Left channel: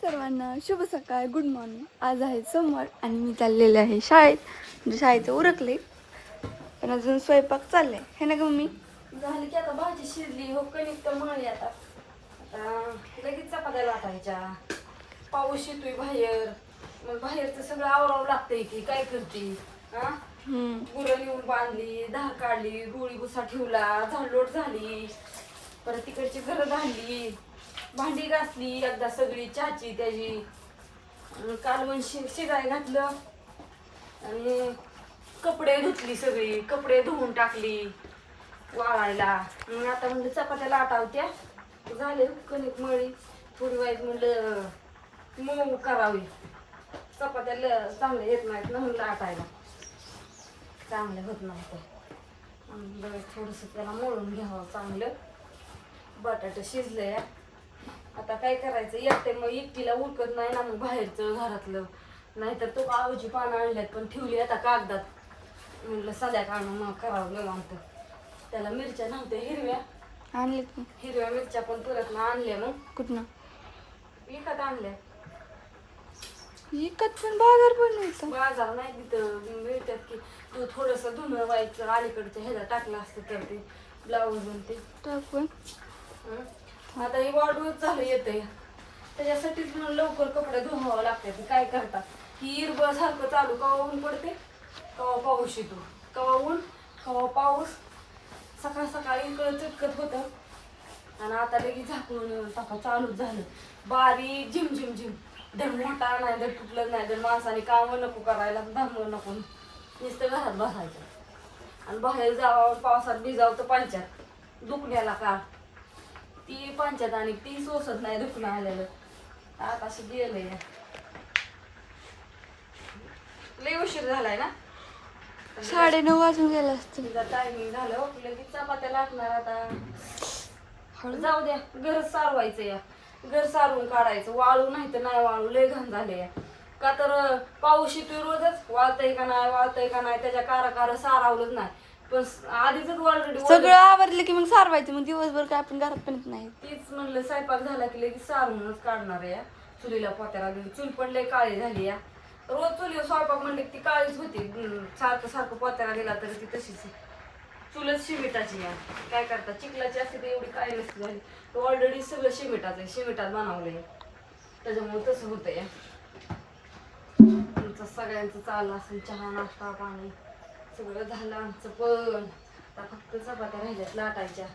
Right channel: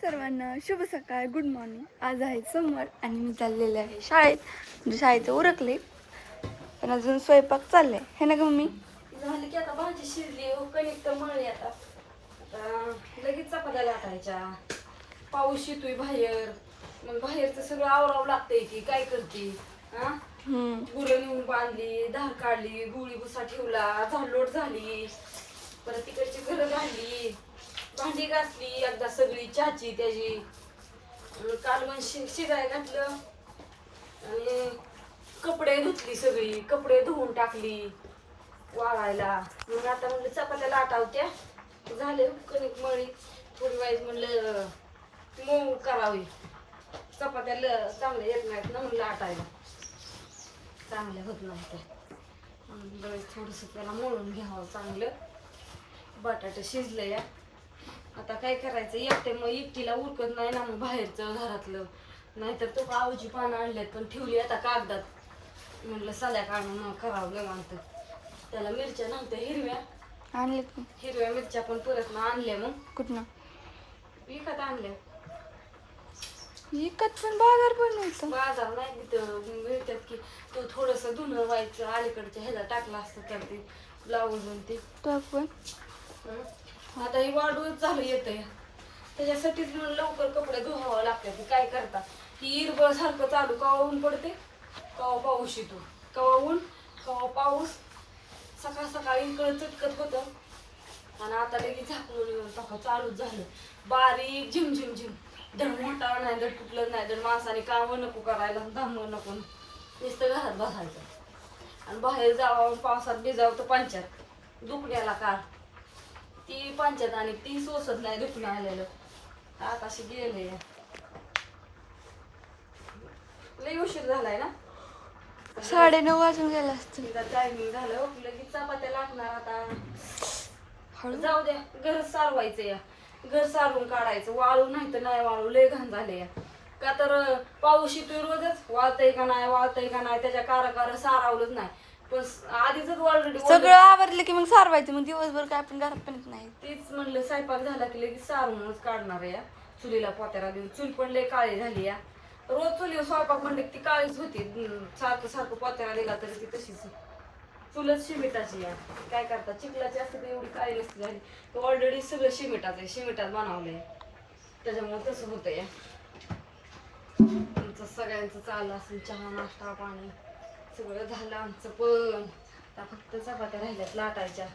सर्वांना शुभ सकाळ, गुड मॉर्निंग. आज आहे सोमवार आणि मी चाललेले आहे शाळेत. म्हणजे शाळेचं उरकले पण अजून स्वयंपाक चाललाय है ना ग मम्मी? झाली की आता भाजी शिजली हो, कणिक तर मळली आता लगेच चपात्या लाटायच्या. पाऊस येतोय बाहेर, मग बाहेरचं सगळं आवरावं लागतंय की काय करते हा. गुरं नेऊन बांधली, धार काढली, गोळी भुसा ठेवला, झाडलोट झाली, परत तिकडची घरं घालली, भांडी घासली एकदा सगळी, चहाची त्याची. कालवण शिजाय घातलं आणि कपडे धुतली, सगळी कपडे धुवून टाकली वाळायला. मग आता म्हणजे चपात्या लाटावत्या झाले. कणिक मळी थोडी वाईज म्हणलं मऊ करावी, चपात्या चांगल्या येत नाहीत ना म्हणून लाटायला, चांगलं होत नव्हतं. थोडस त्याला मळून घ्यावं चांगलं. बटाटे शिजले या. आता काय करायचं, एकटीला उरकत नाही ना मग बाहेरचं घरातलं. नाहीतर तो आवजी पानं आणल्यात पण ठेवली आता कागदात, म्हटलं साध्या काढून करावं निवांत. त्याला मिरच्या नव्हत्या हिरव्या, आणलेत हिरव्या मिरच्या पण परत ना आणल्या. मग कुठनं विकत आणल्या. विकत पण बाजार पण नाही, बाजार नाही तिथं मिळतात की. तू थोडस धुणं व्हायचं अलीकडच्या ह्याला टाकलं असतं तर ते ब्लाऊज ते टाकून. आता हे वाढूच झालं येतंय, त्याच्यासाठीच म्हणून लवकर कपडे धुवावं लागतात. काय करतात की इरबळ सारखं चालू, कवा ऊन पडते कवा पाऊस येतो, कवा ऊन कवा पाऊस. सकाळ सकाळी इकडं चिटकत होतं आणि आता लगेच झाकून टाका चालूच झालं. बारीक झिम झिम झिम, धड मोठा नाही, धड तुटलं नाही, धड माणसाने कामं नको करायला, धामं नको, नुसतं घरात बसायचं. आणि बाहेर जावं पावसात भिजावं तर पंचायत दुखण्याला काळ, ती पंचायत आणि ती सोसत नाही दुखणं आलेलं. आता अशी गेले लय उशीर झालाय ना, 9:30 वाजून गेला असतं. तिचा टायमिंग झालं. लगेच चपात्या लागणार आता. जाऊ द्या, घर सारवायचं या, घर सारवून काढायचं. वाळू नाही तर नाही वाळू, लय घाण झाले या. का तर पाऊस येतोय रोजच, वाळतय का नाही त्याच्या कार सारावलंच नाही. पण आधीच ऑलरेडी सगळं आवरलं की मग सारवायचं. मग दिवसभर काय आपण घरात पण येत नाही. तेच म्हणलं स्वयंपाक झाला की लगेच सारूनच काढणार या. चुलीला पोत्याला देऊन चूल पण लय काळी झाली या. रोज चुलीवर स्वयंपाक म्हणले ती काळीच होती. सारखं पोत्याला दिला तरी ती तशीच. चुलच शिमिटाची या. काय करतात, चिखलाची असते तर एवढी काळी नसती झाली. तो ऑलरेडी सगळं शिमिटाचं आहे, शिमिटात बनवलंय, त्याच्यामुळे तसं होतं या. तुमचं सगळ्यांचं चाललं असेल, चहा नाश्ता पाणी सगळं झालं आमचं. पण आता फक्त चपात्या राहिल्यात लाटायच्या.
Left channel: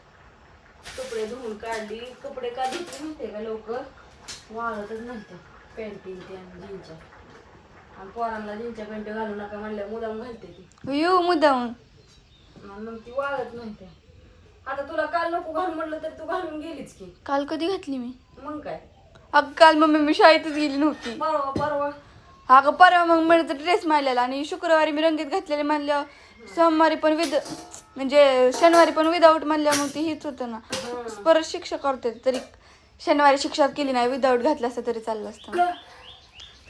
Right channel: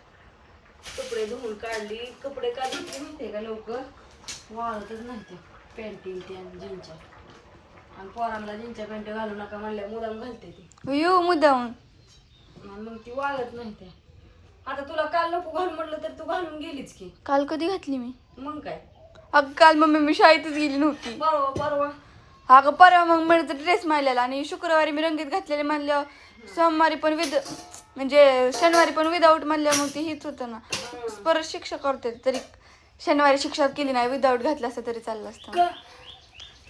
कपडे धुवून काढली. कपडे का धुतली माहितीये का लवकर, वाळतच नव्हते पॅन्टी जीनच्या. आणि पोरांना जीनच्या पॅन्ट घालू नका म्हणल्या मुलांना घालते ती येऊ मुद्दाम, मग ती वाळत नव्हते. आता तुला काल नको घालून म्हटलं तर तू घालून गेलीच की. काल कधी घातली मी? मग काय, अगं काल मम्मी मी शाळेतच गेली नव्हती. परवा अगं परवा मग मला ड्रेस मारलेला आणि शुक्रवारी मी रंगीत घातलेले म्हणल्यावर सोमवारी पण म्हणजे शनिवारी पण विदाऊट म्हणल्या मग ते हीच होतं ना. परत शिक्षा करते तरी शनिवारी शिक्षा केली नाही, विदाऊट घातलं असतं तरी चाललं असतं.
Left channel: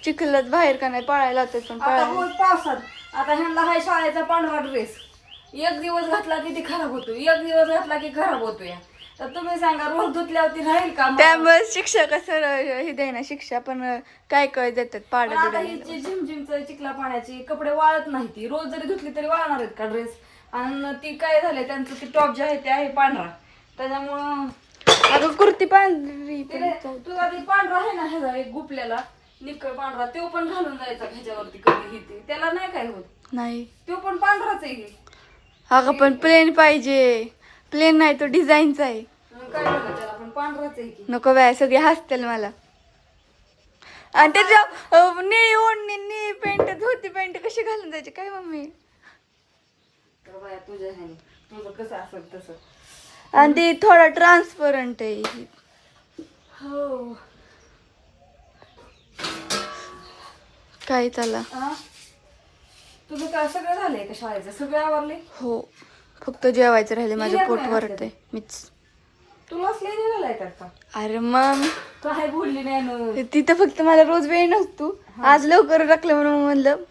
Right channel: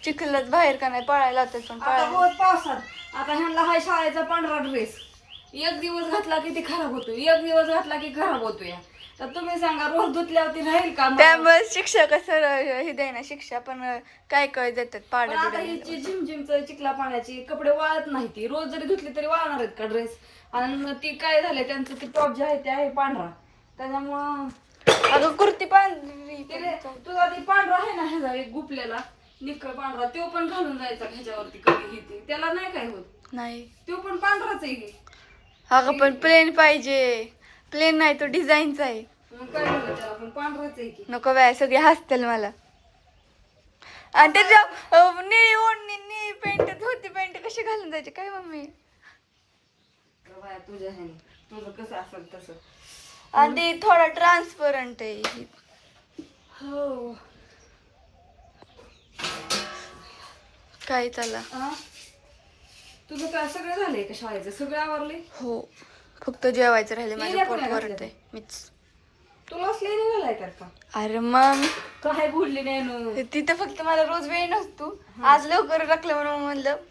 चिखलात बाहेर का नाही पळायला होते पण आता रोज पावसात. आता ह्यांना हाय शाळेचा पांढरा ड्रेस, एक दिवस घातला की ती खराब होतो, एक दिवस घातला की खराब होतो या. तर तुम्ही सांगा रोज धुतल्यावरती राहील का? त्यामुळे शिक्षक असं हे द्यायना शिक्षा, पण काय काय देतात पाड्या बिड्या. झिमझिमचं चिखला पाण्याची कपडे वाळत नाही. ती रोज जरी धुतली तरी वाळणार आहेत का ड्रेस? आणि ती काय झालंय त्यांचं ते टॉप जे आहे ते आहे पांढरा, त्याच्यामुळं. अगं कुर्ती पांढरी तुला ती पांढरा आहे ना ह्याचा एक गुपल्याला निक्कळ पांढरा, तो पण घालून जायचा ह्याच्यावरती कधी घेते, त्याला नाही काय होत. नाही तो पण पांढराच आहे. अगं पण प्लेन पाहिजे. प्लेन नाही तो डिझाईनचा आहे. मग काय झालं, त्याला पण पांढराच आहे की. नको बाय, सगळे हसतील मला. आणि त्याच्या निळी ओढणी निळी पॅन्ट धोती पॅन्ट कशी घालून जायची काय मम्मी? तुझ्या ह्याने तुझं कसं असेल तसं. आणि ती थोडा ट्रान्सपरंट आहे. हो काय चाला? तुझं काय सगळं झालंय का शाळेचं? सगळं आवरले? हो, फक्त जेवायचं राहिले. माझं पोट वरते मीच. तुला असले झालाय का? अरे मग काय बोलली नाही. तिथं फक्त मला रोज वेळ नसतो, आज लवकर टाकलं म्हणून म्हणलं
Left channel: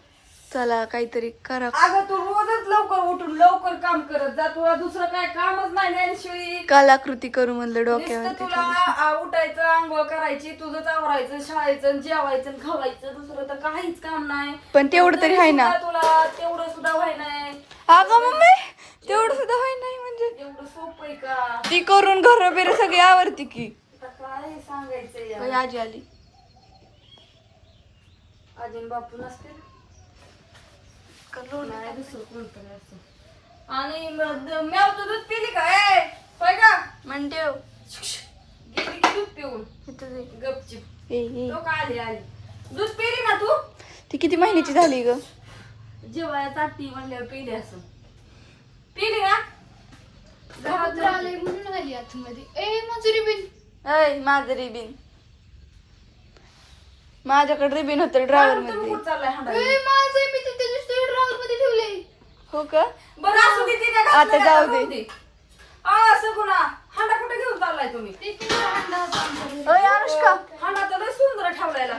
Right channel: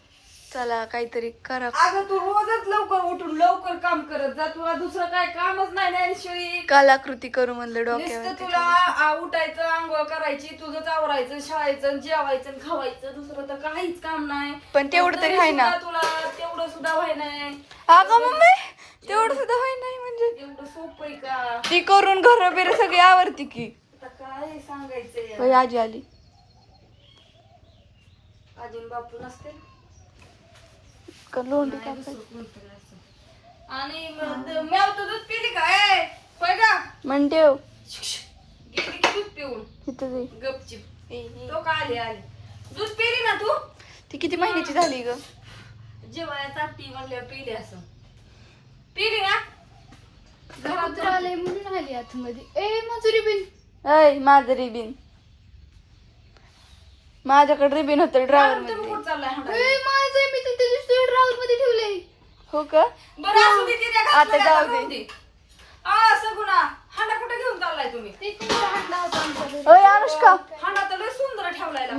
चला काहीतरी करा. अगं तू रोजच लवकर उठून लवकर काम करत जा, तुला दुसरं काय कामच नाही ना शिळी. कलाकृती करू म्हणलं नुसतं डोक्यावर. तुला उठायचं, आंघोळ करायची, तुझंच आवरायचं, शाळेचं, जेवायचं, खावायचं, दुसरं तर काहीच काम नाही. पण तेवढं तरी आहे ना. तुला तेवढं सुद्धा व्हाय नाही. अगं मम्मी तेवढं सुद्धा होय नाही म्हणजे एवढं सोपं आहे का? ती करून घर बिर सगळी आवडती की. आता काय सांगायचंय होय, आजी आली. अजून बापू नसतील लोण नाही, दुसरं कोणतरी असेल. आणि म्याव तर दूध पिली का? ए, होय का? म्हणते गेली की दूध पिऊन गपचिप. तो का आले दूध पिली ना तू? ती किती महिन्याची झाली ग? जेवाया ताटी म्हणल्यावर पिली असं. पिली ना? घरात जाऊन- ऐ माझं रिबिन, माझ्याकडे रिबिन होतं ड्रायव्हर तुम्ही मध्ये. कुठं चाललाय हाणायला? हो का? बरं असू दे, तिने आता घातलं जाऊ का? दे. असं गुन्हा हांडा कुठे घेऊन चाललाय तुम्ही? ओय अनुष्का, हांडा तर लय सुंदर ठेवलाय.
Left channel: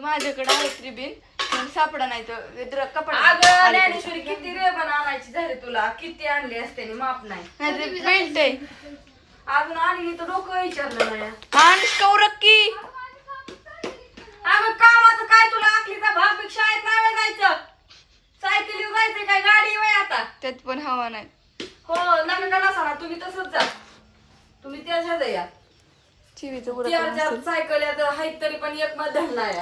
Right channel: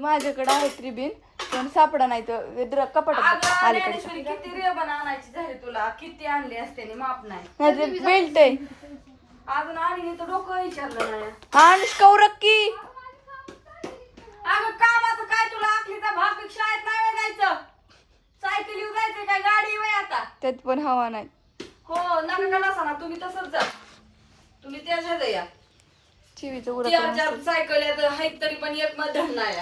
माझ्याकडे आहेत रिबिन पण सापडा नाही तर कपाटात अगं अलीकडे. ज्ञानेश्वरी, किती रेबन आणायची झाली तुला? किती आणले असते माप नाही. नाही बेल्ट आहे. अजून आणि तर डोकं विचारलं नाही. अनुष्का उरक्की. अगं कामाचं काय तुला? आखलीचा भाग शाळेत नाही वेळ जायचं, सायकल येऊ जायचंय काय, गाडी वय आता. त्यात पण हवा नाही. हो नका नसा ना, तुम्ही तसंच जा. तुम्ही त्याच्यात या चिवीचं उरक चार सायकल आहेत तरी पण एक मध्ये नाही.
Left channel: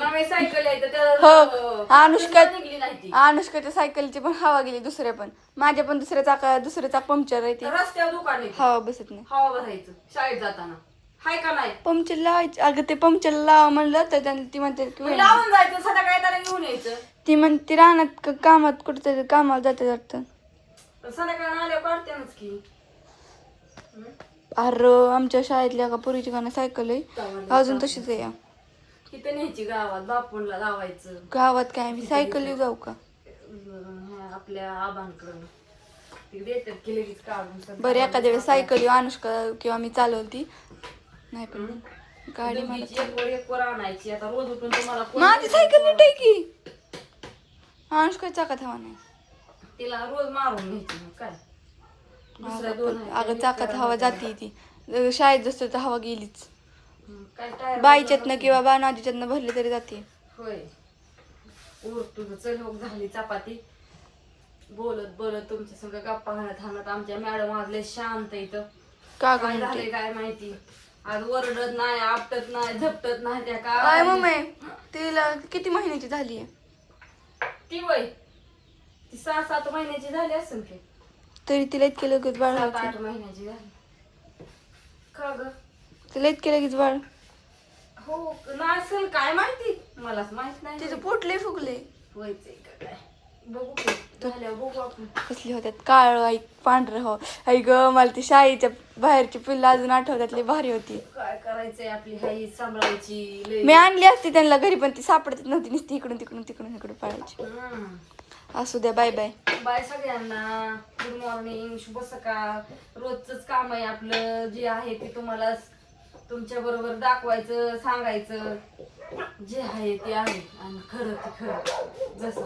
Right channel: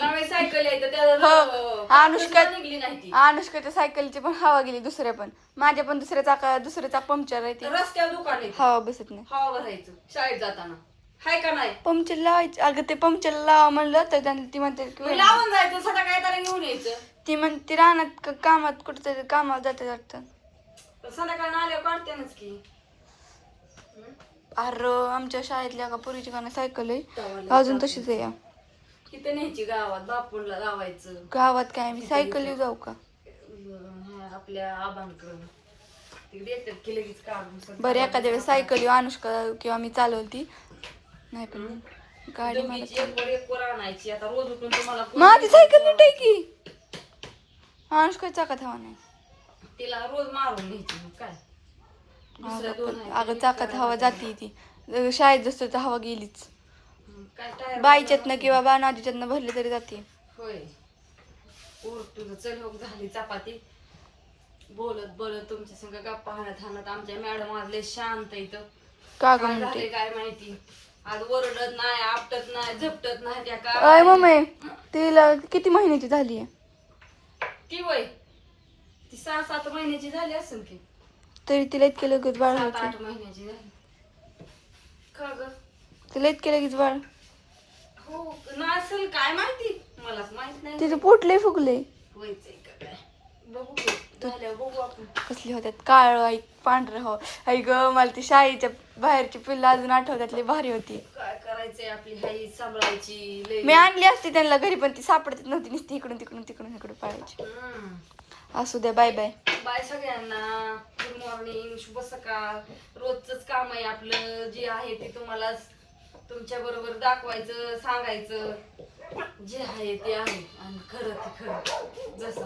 नवे सायकल आहे तर हो, अनुष्का निघली नाही ती. अनुष्काच्या सायकलची पण हवा गेली दुसऱ्या पण. माझ्या पण दुसरे चाक पंक्चर आहे ती. रस्त्यावर दुकान आहे, हवा बसत नाही. हवा भरायचं शाळेत जाताना. हाय का नाही? पंक्चर लावायची. अगं ते पंक्चर लावा म्हणलं तर ती म्हणते की मग लावून जायचं, सदा काय त्याला घेऊन यायचं. ती म्हणते रानात कामात कुठेतरी कामाला जाते वाटतं. संध्याकाळ आल्यावर काढतेनच की. अरे आमच्या शाळेतल्या का पुरीची गाणं सायकल आहे अजून तशीच आहे. तिथे न्यायची गावात, बापूंला लावायचं. गावात काय मी सायकल जाऊ का? आपल्या आबांकडून तिकडे येतात की लगेच काढून. बरं एखाद्या वेळेस सायकल अनुष्का किंवा मी चालवती नाही पण गाडी मला. दोघीची एक वर आणायची. आता रोज उठून तुम्हाला माझी सायकल नीट आहे की. अनुष्का चाकात हवा नाही. तिला रोज मारून घ्यायची. मग काय दुसऱ्या दोन आहेत. अगं चाकात हवा जाते ती. शाळेत जसं तर हवा गेलीच. काय टायर बाईच्यातनं किंवा नाजीच्यातनं भरली तरी जाते. होय. उर तुझं चल हो, झाली चपाती. बोलत बोलत तुमच्या संग गप्पा हाणत आमच्या मॅडम आज लय शांत इथं. का ग काय म्हणते? झालंय काय माहिती. आज ओरडत नाही, आपटत नाही, झपटत नाही. त्या अय काय मम्मी तिला किती महिन्याची झाली आहे? ती वय ती 6-7 महिन्याची झाली असेल की. तरी तिला इतके लगेच बाळ 7-8 व्हायचं. महिन्याची झाली. का ग? तिला इतके लगेच बाळ. हो नसेल, काय माहिती, मलाच माहित नाही. तिचे पोटले फुगले. व्हायचंय का काय बघू की. झाल्यावर बघू आपण. कसले होत्यात काळ आई पांढरं हो. आई ग मला ती शाळेच्या बाहेरची पिल्लं अजून आठवतात लई भारी होती. काय करायचंय, आपली हाई सांभाळायची लय. मी आणली असती त्यांना घरी पण ती सापडत नव्हती. नुसती इकडून तिकडून इकडे पाहायची. असू द्या बाय बाय. बाय सगळ्यांना. गुड मॉर्निंग, शुभ सकाळ. रोजच काम आहे आपलं, जे आहे ते तुम्हाला तुमच्या बरोबर दाखवायचं, सांगायचं. जे आहे ते आहे आणि खरं ते खरं जसं